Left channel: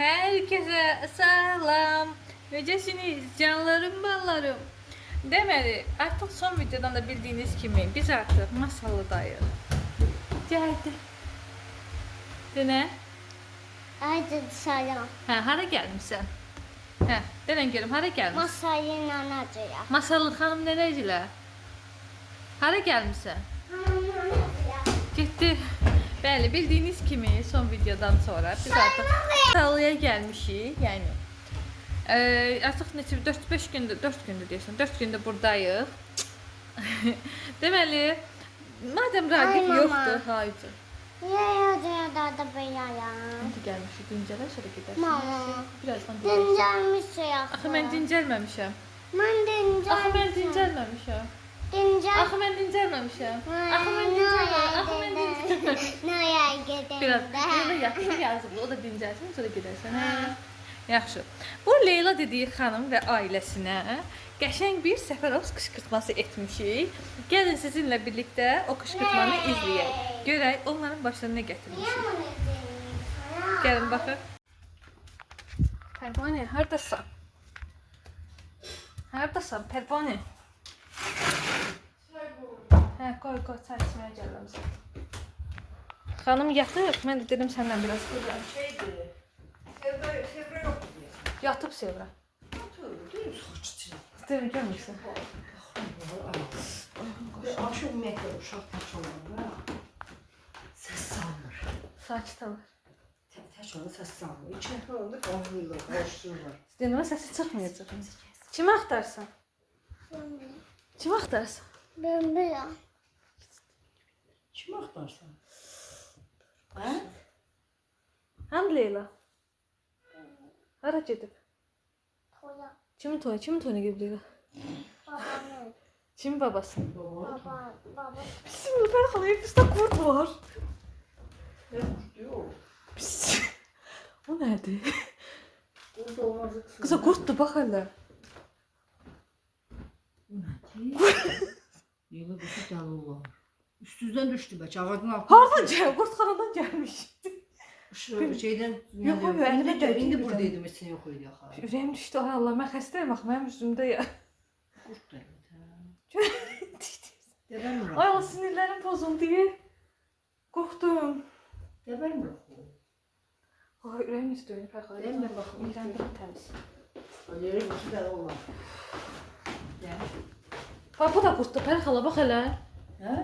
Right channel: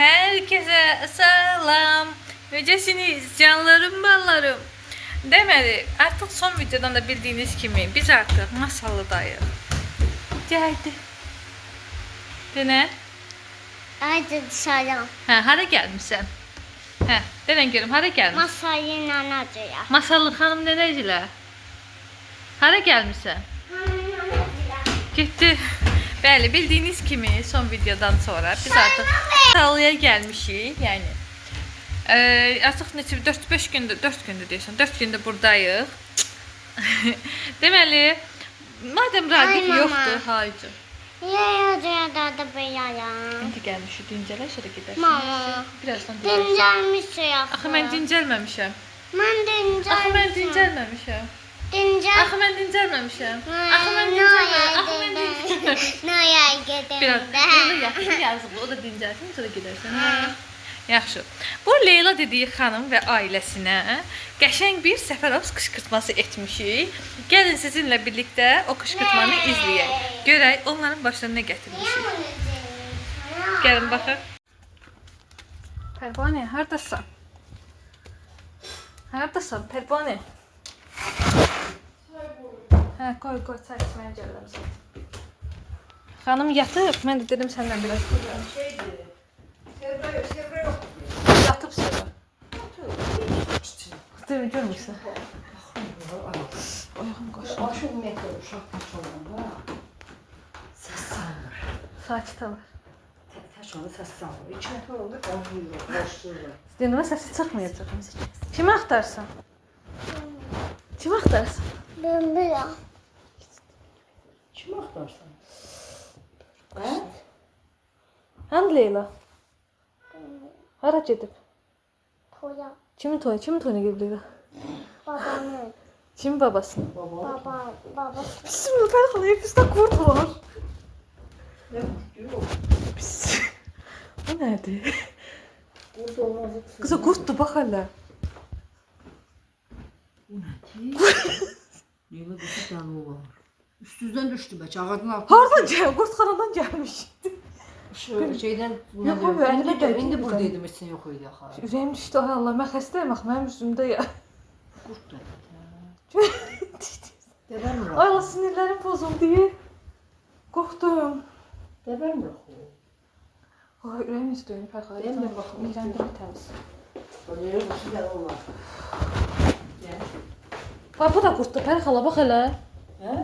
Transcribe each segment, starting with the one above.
Herkese selam. Necəsiniz canlarım, ballarım. Deməli, artıq son videodan da bildiyiniz kimi biz artıq Masallıdayıq. Gəldi. Denə? Haydi dışarı. Hə, hara gəlmisən? Hə, denən görüm, hara gəlmisən? Masayı nanacıya. Masallı xanım nənəcilər? Hara gəlmisən? Getdi. Bəli, bildiyiniz kimi son videodan sonra biz artıq Masallıya gəlmişik. Yəni artıq neçə 4-5 gündür, 4 gündür deyirsən, 4 gündür buradayıq. Deməli, madəm Raqif Ay, yoxdur, haycı. Yaya da beyaya. İndi gəlmişik, dincələ, sonra gedərsən. Mama. Birazdan deyirsən. Dincəlmişsin yaxşı. Axı mən dincəlməmişəm. Mən dincəlmişim. Axı mən dincəlməmişəm. Dincəl. Axı mən dincəlməmişəm. Axı mən dincəlməmişəm. Axı mən dincəlməmişəm. Naya gedəndə. Biraz Leyla yaxşı yazıqlı, o da dincəlsin, sonra gedərsən. Hə. Yaxşı. Bu Leyla dediyi xanım və ailəsinə qəşəng bir Səfərovs qışqırtması etmişik. Gəlin sizinlə birlikdə o qışqırtmanı izləyək. Görək onların başına nə gətirmişik. Gəlin baxın. Pərvanə, hardasan? Hardasan, Pərvanə? Hə, qoy, çay içməyə gəlirəm sən. Xanım yatıb, mən də dedim səndən biraz duracağım. Yatıb sonra. Deyim, görmürsən. Ayağım qaşınır. Aşıq məkər uşaq təç olanda səs salmır. Sakit alır. Təç olanda səs salmır. 2 nəfər olanda qanlıyırlar, qarışdırırlar. Denimə səsi çıxmayacaq. Kimi axtarsan? Kimi axtarsan? Ben bir Kim axtarsan? Hə? Hani Leyla? Hara gedib? toya. Kimin toyuna gedib Leyla? Babamın. Kimin babası? Baba. Bismillah, xalaya bizdə qurd var. Nə yox. O nədir? Burada olmazdı. Qıza qurddur, bax hələ. Bu nədir? Leyla qızı dəli olar. Üstüzdən düşdü bəlkə, ağacın altına. Hardan gəl? Qurdxanadan gəlmişdi. Şeydən... Yox, abi, əlimə dəydi. İndi buradaydım, heç yox idi axı. Ürəyim düşdü, ay Allah, mən xəstəyəm axı, mənim üzümdə ya. Qurtdur. Ay Dəbərmir Allah, sinirlərim pozuldu. Qorxdum. Dəbərmir axı. Ay, ürəyim necə döyünür, Fərxadə. Dəmir baxın. Mirəndə təmiz. Leyla qızı dəli olar. Bax, bu da qurddur, Fərxala, bax hələ. Hə?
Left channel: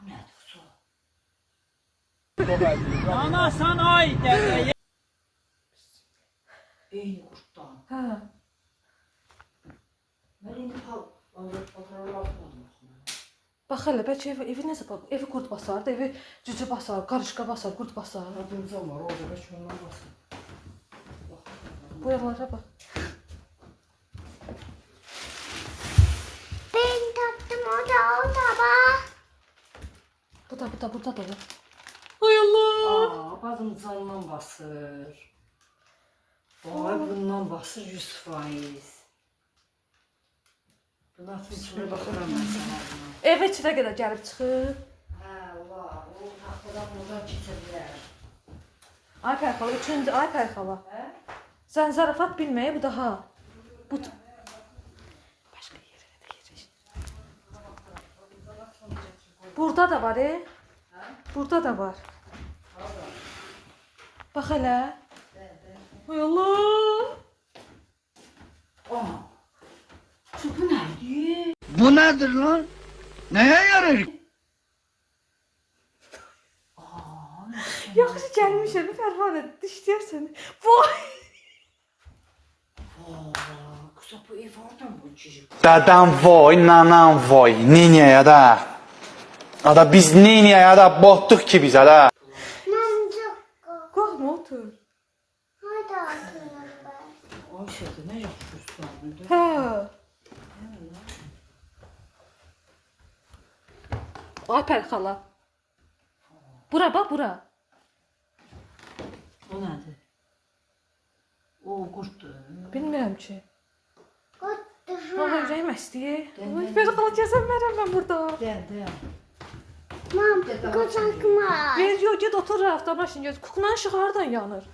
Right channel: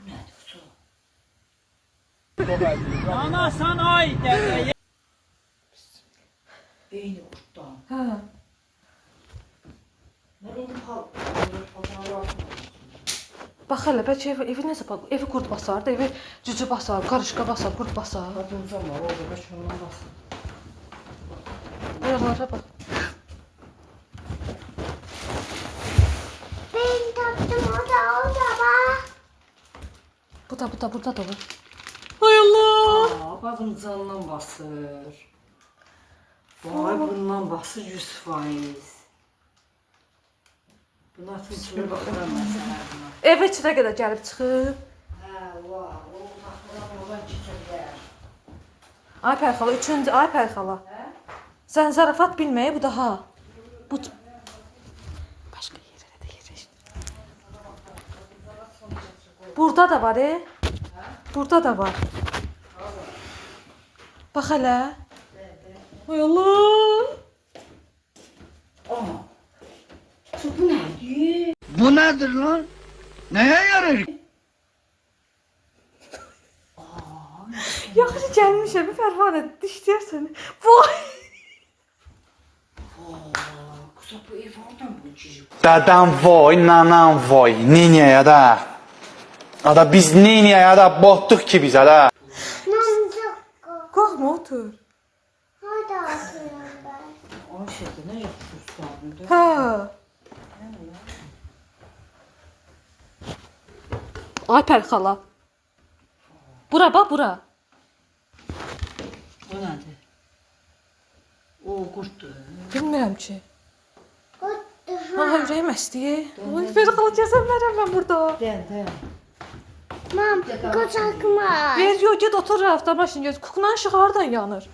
Bu nədir su? Anasan ay dədə. Eyni qurtdan. Hə. Mən indi paltarlar Bax hələ, bəlkə evi necə bax, evi qurd basar da, evi cücü basar, qarışqa basar, qurd basar. Qadıncan var, orada bəlkə ondan basın. Buralara bax. Ben taktım o da baba. Bu da, burada da var. Ay Allah! Qadıncandan basır. Vay, bundan basır 100%. Buna atmışlar baxıram məsələlərinə. Evə çivə qədər gəlib çıxıb. Hə, vay, o taxtadan oradan keçirlər. Ay Pərxala, üçüncü, ay Pərxala. Sən zarafat bilməyi, bu daha. Bu... Başqa yerə də yerləşdir. Burada da var, Burada da var. Bax hələ. Ay Allah! Ana. Bu nədir? Bu nedir lan? Neye yarar? Yaxşı gəlmişəm, Fərvanə, dişləyər səni. Vay! Kısa bu ev oradan bu çocuk. Dadam voy, nanam voy, nineye da. Ada biz nineye da bottuk ki bize da. Namcık. Qorxma, otur. Hadi atıyorum ben. Ayşədə nə yapıyorsun? Hə. Ay Pərxala. Bura bax, bura. Bu nədir? O qurtdur. Bilmirəm ki. Kuttu. Ay, ürəyim əsdi. Ay, Fərxala, gəzə bilmərəm mən burada. Dəl. Mam, kucakma. Ver yo get otur rafta maşın get. Kuklan işığı hardan yanır?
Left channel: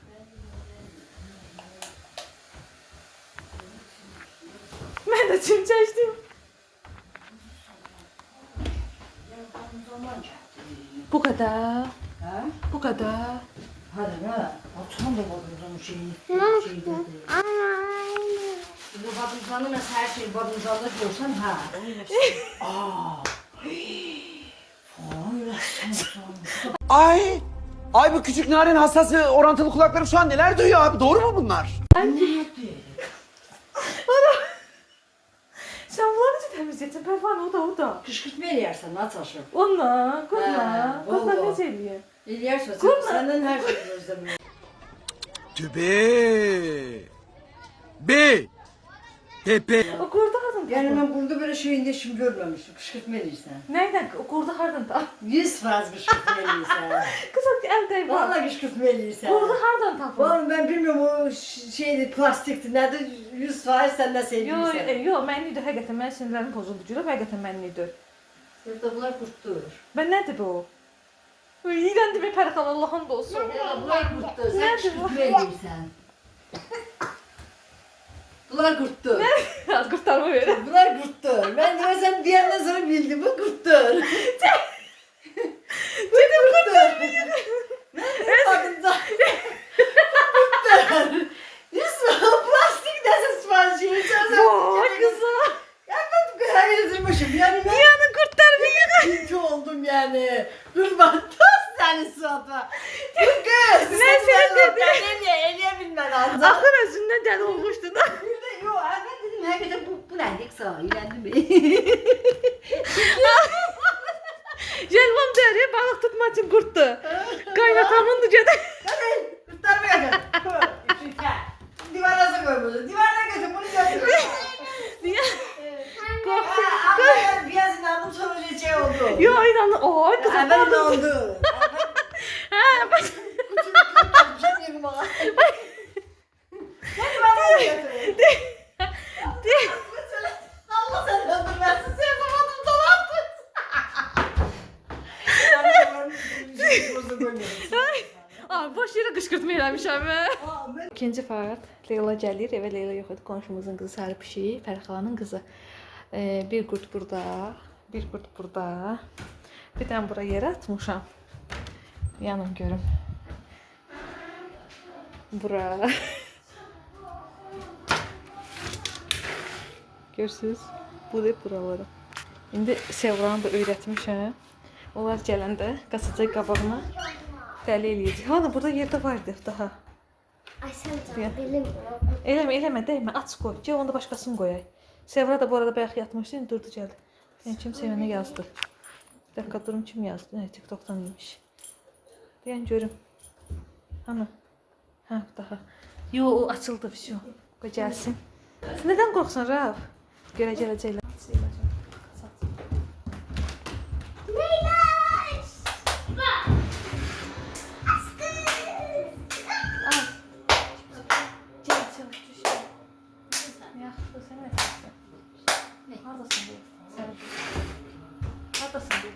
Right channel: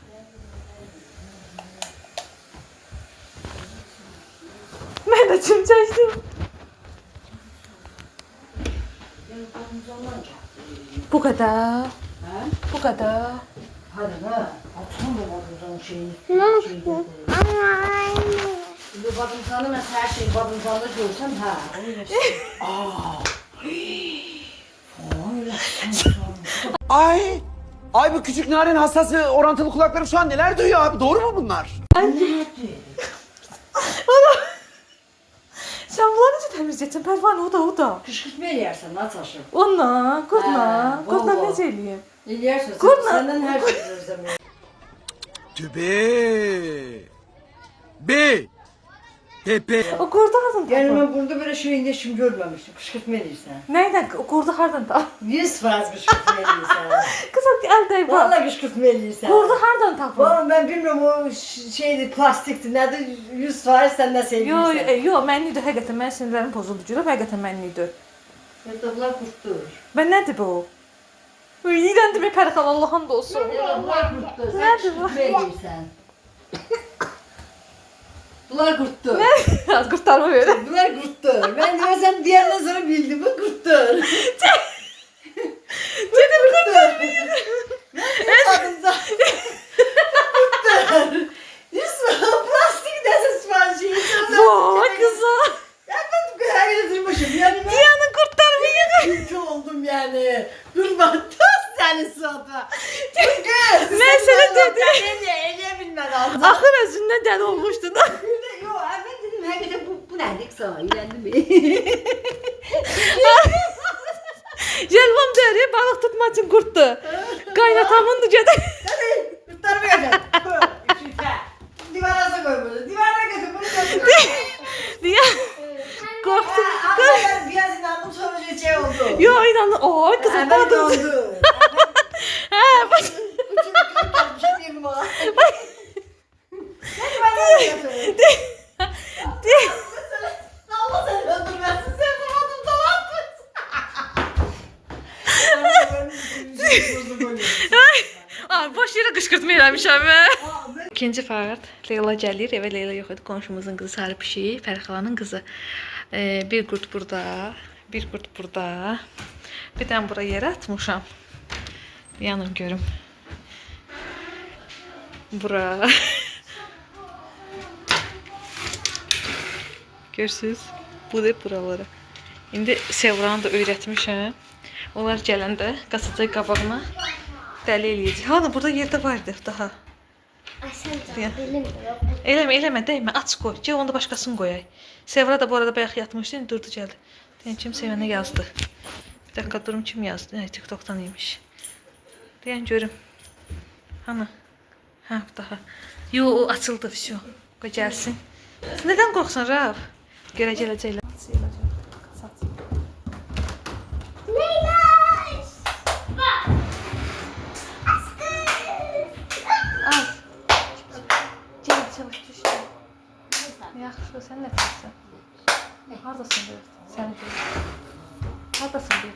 Mən də çim çəkdim. Bu kadar. Hə? Bu kadar. Hadi hə. Açma bu badımcanın şeyini. Nasıl? Ama aynı. Bu badımcanı mən hər şey badımcanda görsəm, hə. Ay! Ay bu küçük narin hassası orantılı kulaklarım şu an neler duyuyor abi? Doğru mu bunlar? Sen bunları necə təmizləyəcəksən? Pərvanə o da. Qışqırtma eləyərsən, aç aşı. Onunla, qurtla. Hə, Qurtla vallahi. necə eləyim? Eləyərsən, Qurtla. səndən hər şey gözləmir. Tübe! B! Tepe! O qurdu hardan Yəni tapır? mən burada belə şeyində işim görməmişdim. Qışqırtma eləyirsən. Nəydən? O qurdu hardan tapır? 100% qışqırtma eləyirsən. Qızım əldə var. Vallahi qışqırtma eləyirsən. Qurdu hardan tapır? Vallahi ben bilmiyorum o şeydi plastikti. Nədir 100% sən nə Yo, sevirsən. yo, mənlidir həqiqətən. Mənim sinirlərim pozuldu. Görəm, həqiqətən mənlidir. Bunlar qurtdur. Ben nədir bu? İyilən demə Pərxan Allah'ın da olsun. Bunlar qurtdur. Sən Nədir bu? qışqırtma eləyirsən. Bunlar qurtdur. Az qurtarma verir. Bunlar qurtdur. Ben demesem diğerden sonra bildim. Bu qurtdur. Dedim Qurtdur. Ben adımda. Qurtdur. Plastik nəsə sipariş edirsən. Vay kıza. Ya ben bu kadar yine duymuşum. Yani ben Diyanın kurtarmayı. Kötü oldum yani. Kurban toz yani suata. Kız. Ben seni dedim. Niye bilmeden aldım. Axır özündən dəli olmuşdun. Bir de yok ben dedim hakikaten bu nedik sana ilendi mi? Jelvam dəri balıq tutmaq üçün qurtdu. Qaynatamındı gedə. Hadi kurtarma yakın. Divara koy bunu. Divara götür bunu götür. Diye. Qorxdu. Ama ben biraz inandım sonra şey oldu. Yo inanın. Ay kızım Ben qadın. oldu. Ha bak. Allah seni öldürmesin. Sen kapattın Ay boş yerə qışqırtma eləmişəm mən. İkinci fərt Leyla gəlir. Evə Leyla yox idi. Qonşumuzun qızı Sarı Pişik, Fərxalanın qızı. Bir qurt burada, bir qurt burada. Bir dənə bura yerə atmışam. Yanım görüm. Bura. Görürsüz? Bu da buralara. İndi Sevranı da öyrətmişəm. Onlar gələndə qasacaq qabağına dəli eləyəcək. Hanı burada yerdə vardı daha. Ay sen Ya. de bilim. Eləmə, dəymə, aç qoy. Gəl onda başqasını qoyaq. Sevra da bu arada bayaq yatmışdı, indi durdu gəldi. Deyən kim sevənə yazdı. Bir dəqiqə durum kim yazdı? TikTokdan imiş. Deyən görüm. Hanı? Ha, daha. Yo, o açıldı, всё. Qoy gəlsin. Sən nədən qorxsan, Raf? Görə gələcəklər. Meylaş! Al. Gəl, çabuk düşdü. Yaxşı, sən nə etsən? Hardasın bu? Sən. Hardasın bu?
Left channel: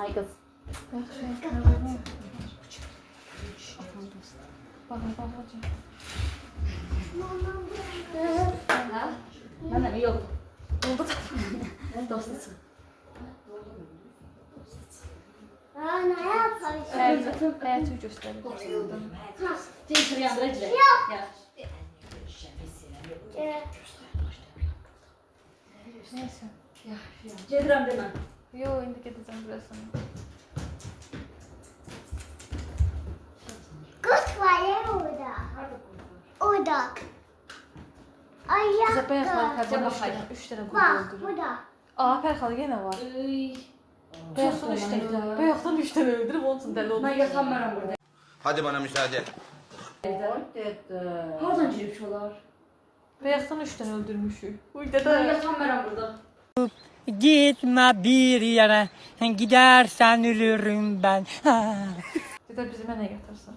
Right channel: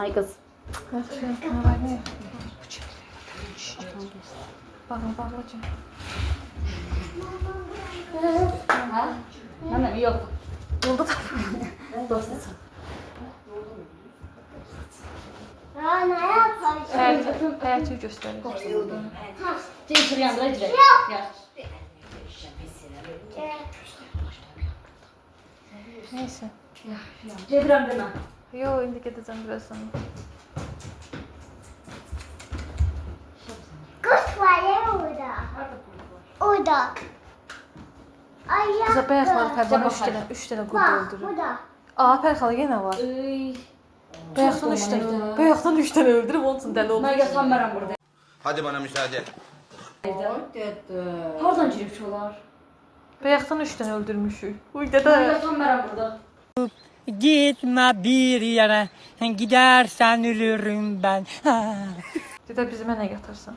Ay kız. Yaxşı, nə? Bağla, bağlacığım. Ha? Hemen yok. Oldu da. Dostum. Aa, ne yaparsın? Həyatı göstərir. Çek yandıra gidelim. Gel. Neyse. Cedirəm demə. Yo, indi gedəcəm biraz sonra. Kurt var ya orada. Orada. Ay ya. Qıza bayaqlar tərcəmə baxayım. 3 dənə qurd Bak öldürür. burada. Aa, Pərxal yenə var. Bayaqdan 3 dənə. Bayaqdan 3 dənə öldürüb onun üçün dəli oldu. Ben yatamıram burada. Hadi bana müsaade. Hardan girip olar? Bayaqdan 3 dənə öldürmüşük. Uy Ben dədə. yatamıram burada. Gitme bir yere, gidersen ölürüm ben. Dədə bizi mənə gətirsən.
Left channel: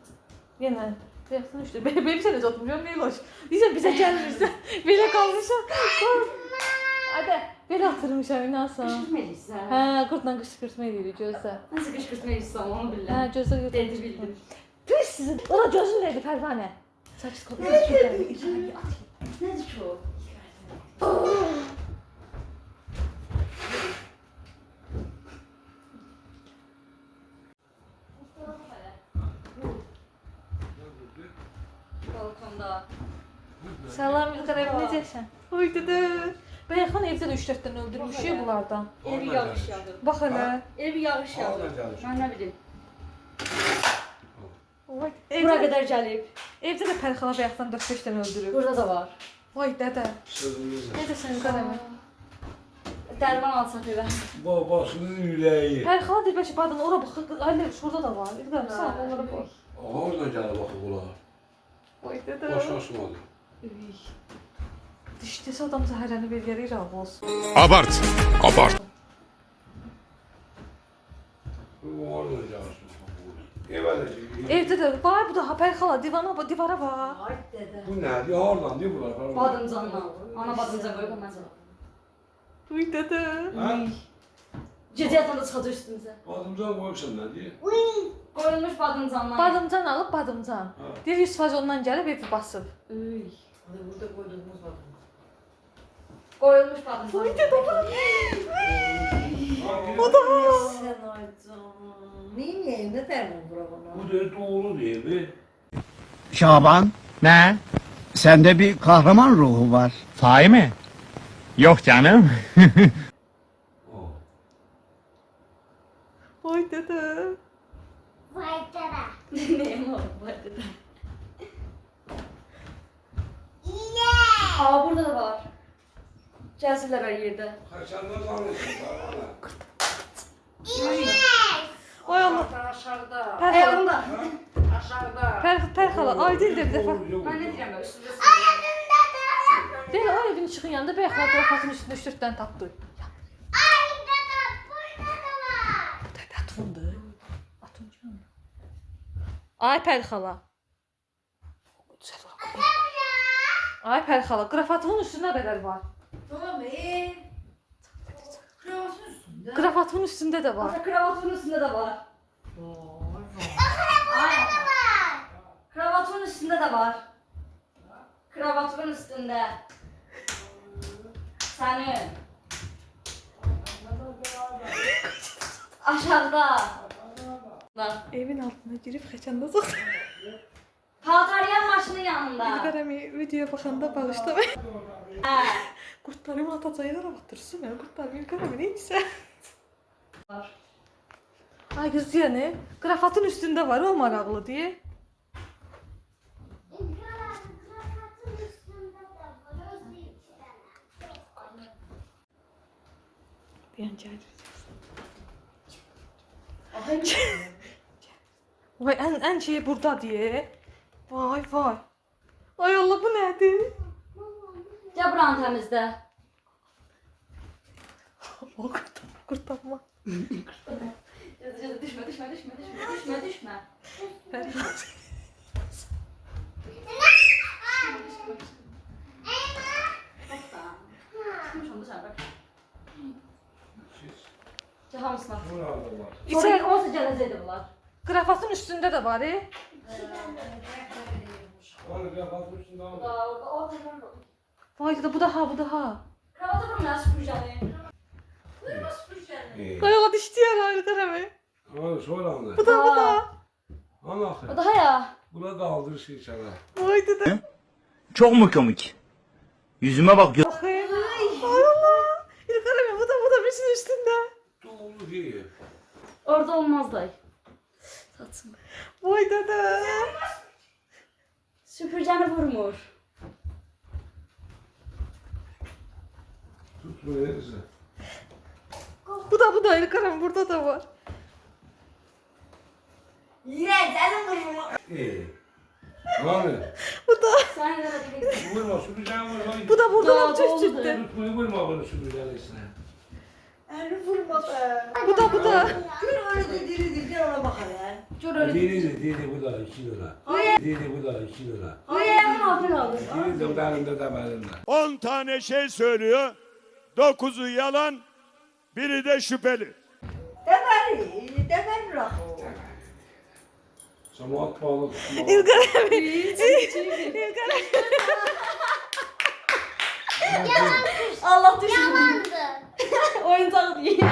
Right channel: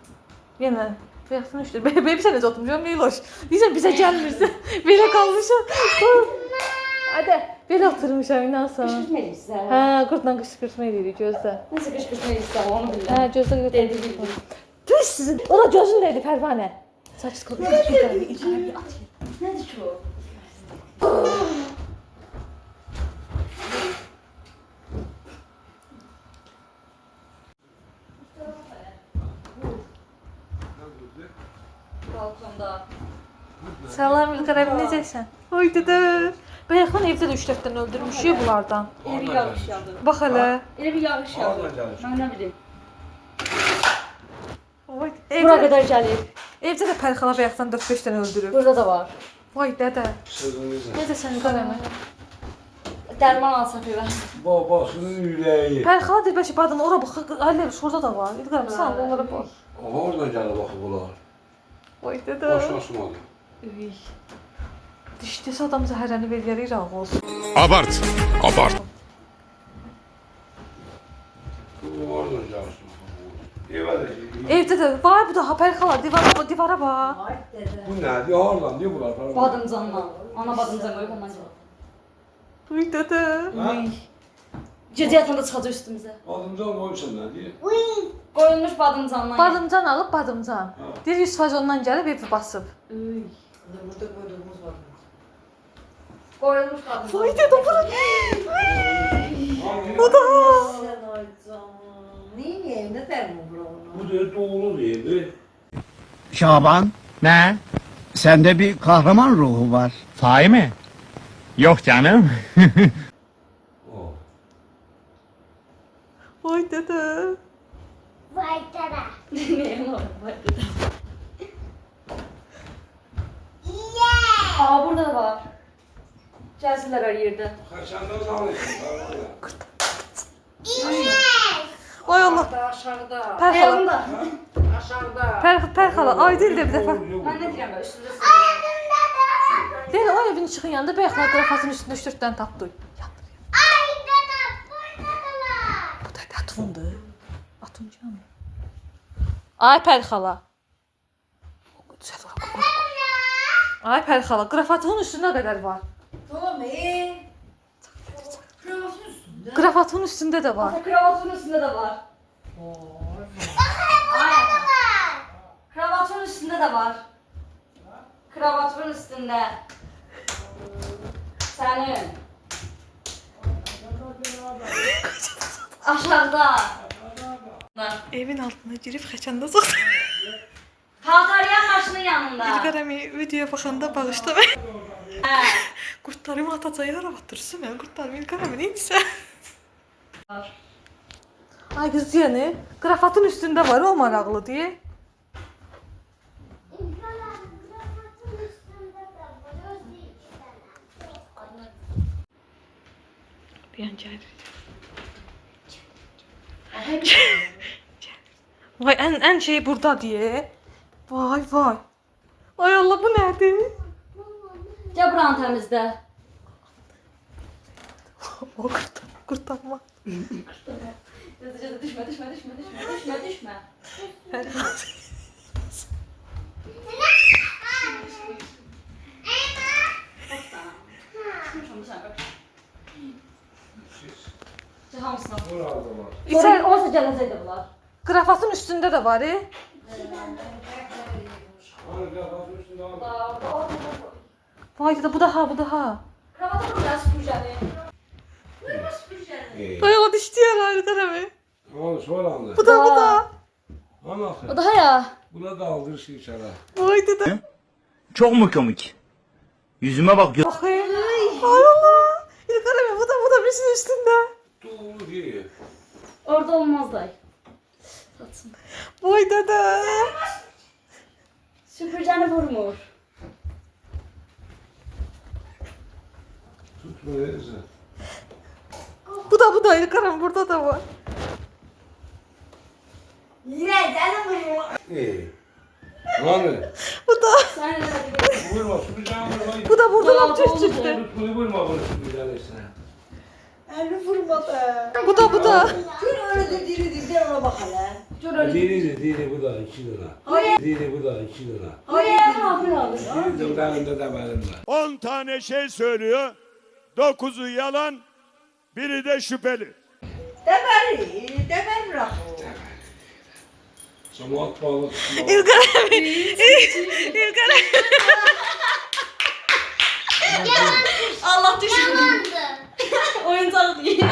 Yenə. Bayaqdan 3 dənə. Bebi sən necə oturmuşam? Meyloş. Deyirsən bizə gəlmirsən. Belə qalmışam. Hadi. Belə oturmuşam inansan. Qışqırtmayırsan. Hə, qurtla qışqırtma edirik gözlə. Nasıl qışqırtmayırsan onu bilirəm. Hə, gözlə qurtla. Dedi bildim. Düz sizin. Ora gözün neydi Pərvanə? Saç qılıb. Nədir ki o? Balkonda. Salam İlqar abi, necəsən? Oy dədə. Bayaqdan evdə də 3-4 dənə öldürmüşük bunlardan. Elə bir yağış yağdı. Bax hələ. Elə bir yağış yağdı. Mən nə bilim. Oy. Bura qədər gəlib. Evdə də Pərxala bayaqdan 4-5 dənə öldürüb. Burada da var. Vay dədə. Necəsən İlqar abi? Dərman alsan pivə. Babasının ürəyi. Pərxala deyir bəlkə badın ora bax. Ailə şurada da var. İlqar abi sən onlara bax. Oradan gəlir baxı bunlar. Vay dədə. Başına sumadı. Üy. Dişdəsə adam zəhərlənib eləyər ağ olsun. Abart. Abart. Oradan gəlir. Evələ. Evdə də var bu da Pərxala divara bax. Ay dədə. Bu nədir? Hardan? Bunlar? Badımcanla. Ana badımcan qoyub ondan sonra. Uy dədə. Gecə yatanda çıxacaq üstümüzə. Badımcan qoyubsan nədir? Qoyulmuş badımcanla. Badımcan alıb badımcan. Deyir 100% ondan gəlib evi basıb. Burada qoyduğumuz badımcan. Qoyulmuş badımcan. Uy dədə bura. O da. Sən ay canım. Neyin yerində dərman bura ona? Bu da doğru değil. Şaban, Ne? sende bir kahraman ruhu var. Sahi mi? Yok canım. Vay dədə. Vay dada. Neyin var? Yeah. Aa burada da var. Gəlsinlər o yerdə. Kaçandan salıyorsun. Vay Allah. Aşağıda. Pərxala. Yanında. Pərxala aydın bir dəfə. Mən nə deyirəm belə üstünüzə Yəni o evin çıxın yanında bayaqlar qrafasının üstündə 3-4 dənə tapdı. Ay dada. Burada da var. Bu da atundur. Atuncan. Ay Pərxala. Ay Pərxala, qrafatın üstündə qədər var. Tamam Kravatın üstündə. Qrafatın üstündə də var. Ata kravatın üstündə də var. Ay. Kravatın üstündə də var. Kravatın üstündə. Sənin. Aşağıda. Evin altına girib xəçəndə çıxdı. Paltaryan maşının yanında. İlqarəmi videoya baxanda bağışla. Hə. Qurtlarımı atacaq yara batırırsın mən. Qurtlarımı İlqarəmi neysə. Ay qız yəni, qrafatın üstündə var, o maraqlı deyə. Kravatın üstünde de var. Özde iki tane. Deyən gəlir. Vay ən şey burada deyə. Vay vay. Ay Allah bu nədir? Gəl buranı təmizlə. O qurtarma. Düşmə. Hamısına. Burada var. İçəri olsa gələcəkdi bunlar. Qrafatın üstündə də var. Vay da bu da ha, bu da ha. Kravata buraya süpürgəni. Buyurma süpürgəni. Ay o dişləyər ayrı qərəmi. Sonra anla. Bu da. Anla. O daha ya. Buna daldır şey sana. Vay dede. Çok mu komik? Yüzüme bak. Bakayım. Ay Allah. İlqarəmi bu da birisinin üstündə. Doğru değil. Orada olmaz dayı. Satsın. Vay dede. Süpürgəni vurmur. Tutma neyse. Bu da İlqarəmi burada da var. İyi. Hani? Bu da. Sen ne dedin? Vurma süpüreceğim vurma. Bu da burada Doğru, lap üst doğru. üstə. Tutmayı vurma bunu süpüreceğim işte. Bu da. Dili bu da 2 lira. Dili bu da 2 lira. Buraya ne yapıyorsun? Dili de belimde de belimde. 10 tane şey söylüyor. 9'u yalan, biri de şüpheli. Samat balık. Allah düşün. Yalandı. Oyuncak değil.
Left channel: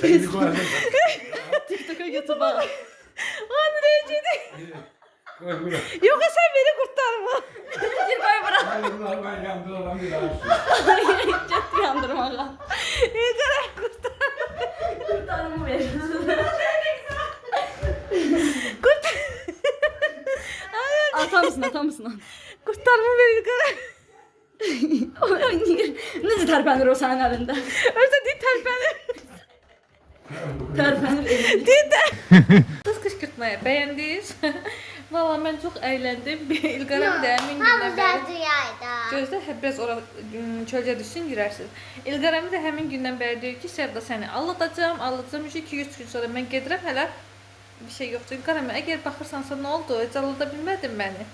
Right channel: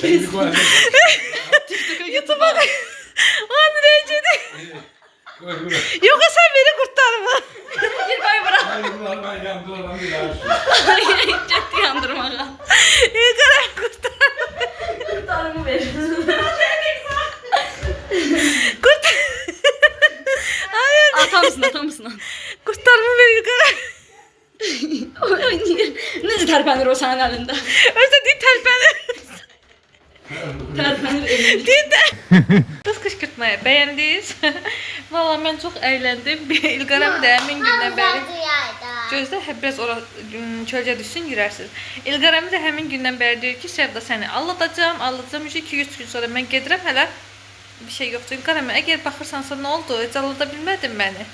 Sen bir koy. YouTube'a onu reycedi. Koy buraya. Yoksa sen beni kurtarma. Bir bay bırak. Hayır, ben yandıramam bir daha. Ciddi yandırmağa. İlgar'ı kurtar. Kurtarımı ver. Hayır. Atamsın. Kurtarma beni İlgar'ı. Necə tərpənir o sənin əlində? Özde değil terpenir. Tərpənir elində. Değil de. Kız kışkırtmayı beğendiniz. Valla ben çok eğlendim. İlgar'ımı da emin günden beri. Gözde hep biraz çölce düşsün girersiniz. İlgar'ımı da hemin günden beri diyor ki Sevda seni aldatacağım. 2-3 gün sonra ben gedirəm hələ. Bir şey yoktur. İlgar'ımı eğer bakırsansa ne oldu? Hiç aldatabilmedin beni.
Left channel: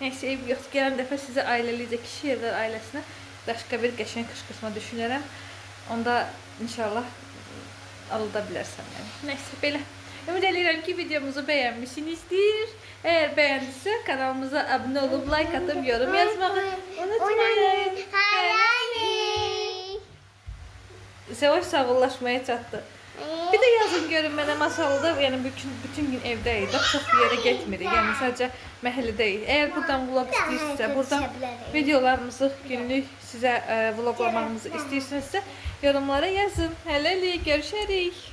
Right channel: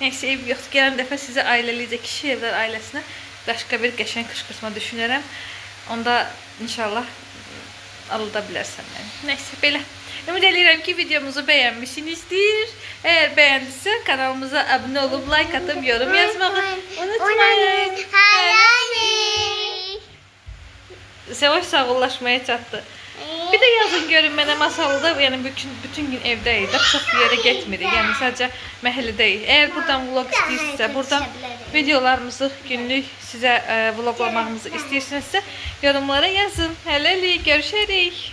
Neyse ev yoktu. Gələn dəfə sizə ailəlicə kişi evlər ailəsinə başqa bir qəşəng qışqırtma düşünərəm. Onda inşallah alda bilərsən məni. Neyse belə. Ümid edirəm ki videomuzu bəyənmişsinizdir. Eğer beğendiyse kanalımıza abone olup like atıp yorum yazmayı unutmayın. Sevoş sağollaşmaya çatdı. Bir de yazın görün mənə masalda, yəni bütün gün evdəydik, çox bir yerə getmirik. Yəni sadəcə məhəllədəyik. Əgər buradan vlog istəyirsinizsə, buradan videolarımızı günlük sizə vloglamağımızı istəyirsinizsə, yorumlara yazın. Hələlik görüşərik.